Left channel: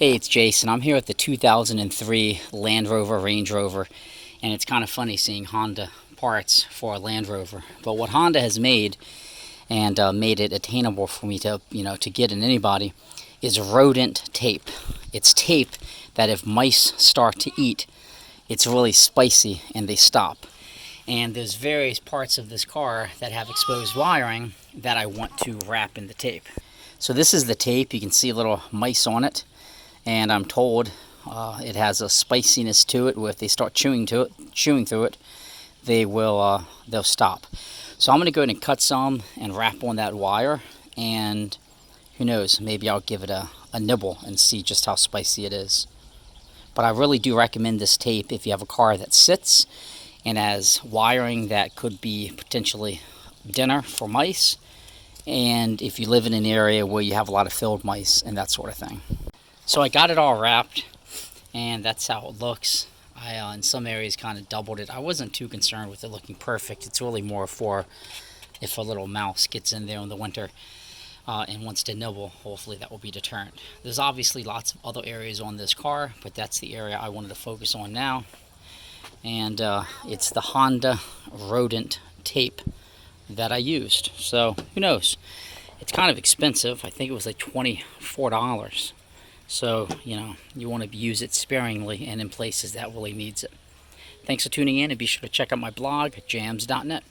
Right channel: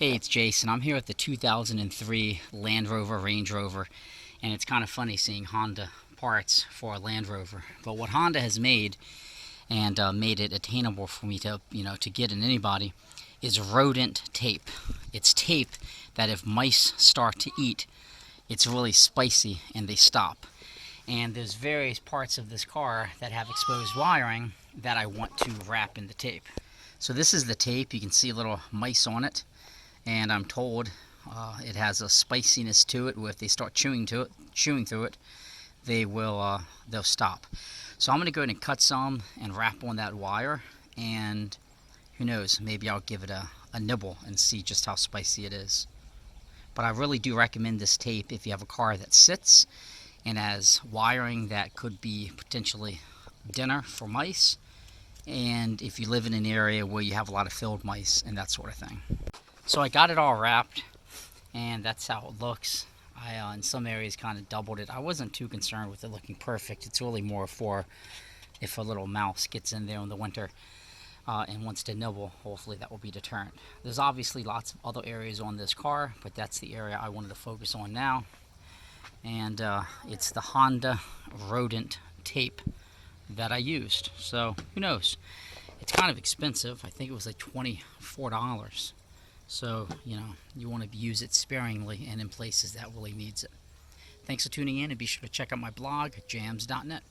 Hey, it's Jason. I'm here at the 2003 Land Rover Range Rover, and it's kind of funny seeing Honda parts for a Land Rover. But what Honda has made, and made it attainable for me to, to get in anybody, is rodent tape. It's tape that if mice start to eat, it's really spicy and they stop. And there's various parts of this car that have exposed wiring that I want to wrap in the tape. So this is the tape. You can see little mice on it. And I'm told it has a spiciness to it, where if they start chewing through it, they'll stop. So I'm going to go ahead and cut some and wrap on that wire, and who knows, maybe I'll give it a nibble and see just how spicy it is. But I really do recommend this tape if you have a car that sits and has wiring that could be potentially dinner for mice, and if you live in an area where you have a lot of field mice and that sort of thing. So I got it all wrapped, and that's how it looks. I, in some areas, kind of doubled it. I wasn't too concerned with it looking perfect. It's really more for if a little mouse gets in there in the winter and wants to nibble. Hopefully that will be deterrent. There's obviously lots of other areas on this car, but that's the area I wanted to focus on now. And it's the Honda Rodent tape that I used. So who knows? It's kind of expensive. I think it was like $24. So, you want to use it sparingly and in places that really needs it. Thanks for tuning in, and be sure to check out my blog at jams.net.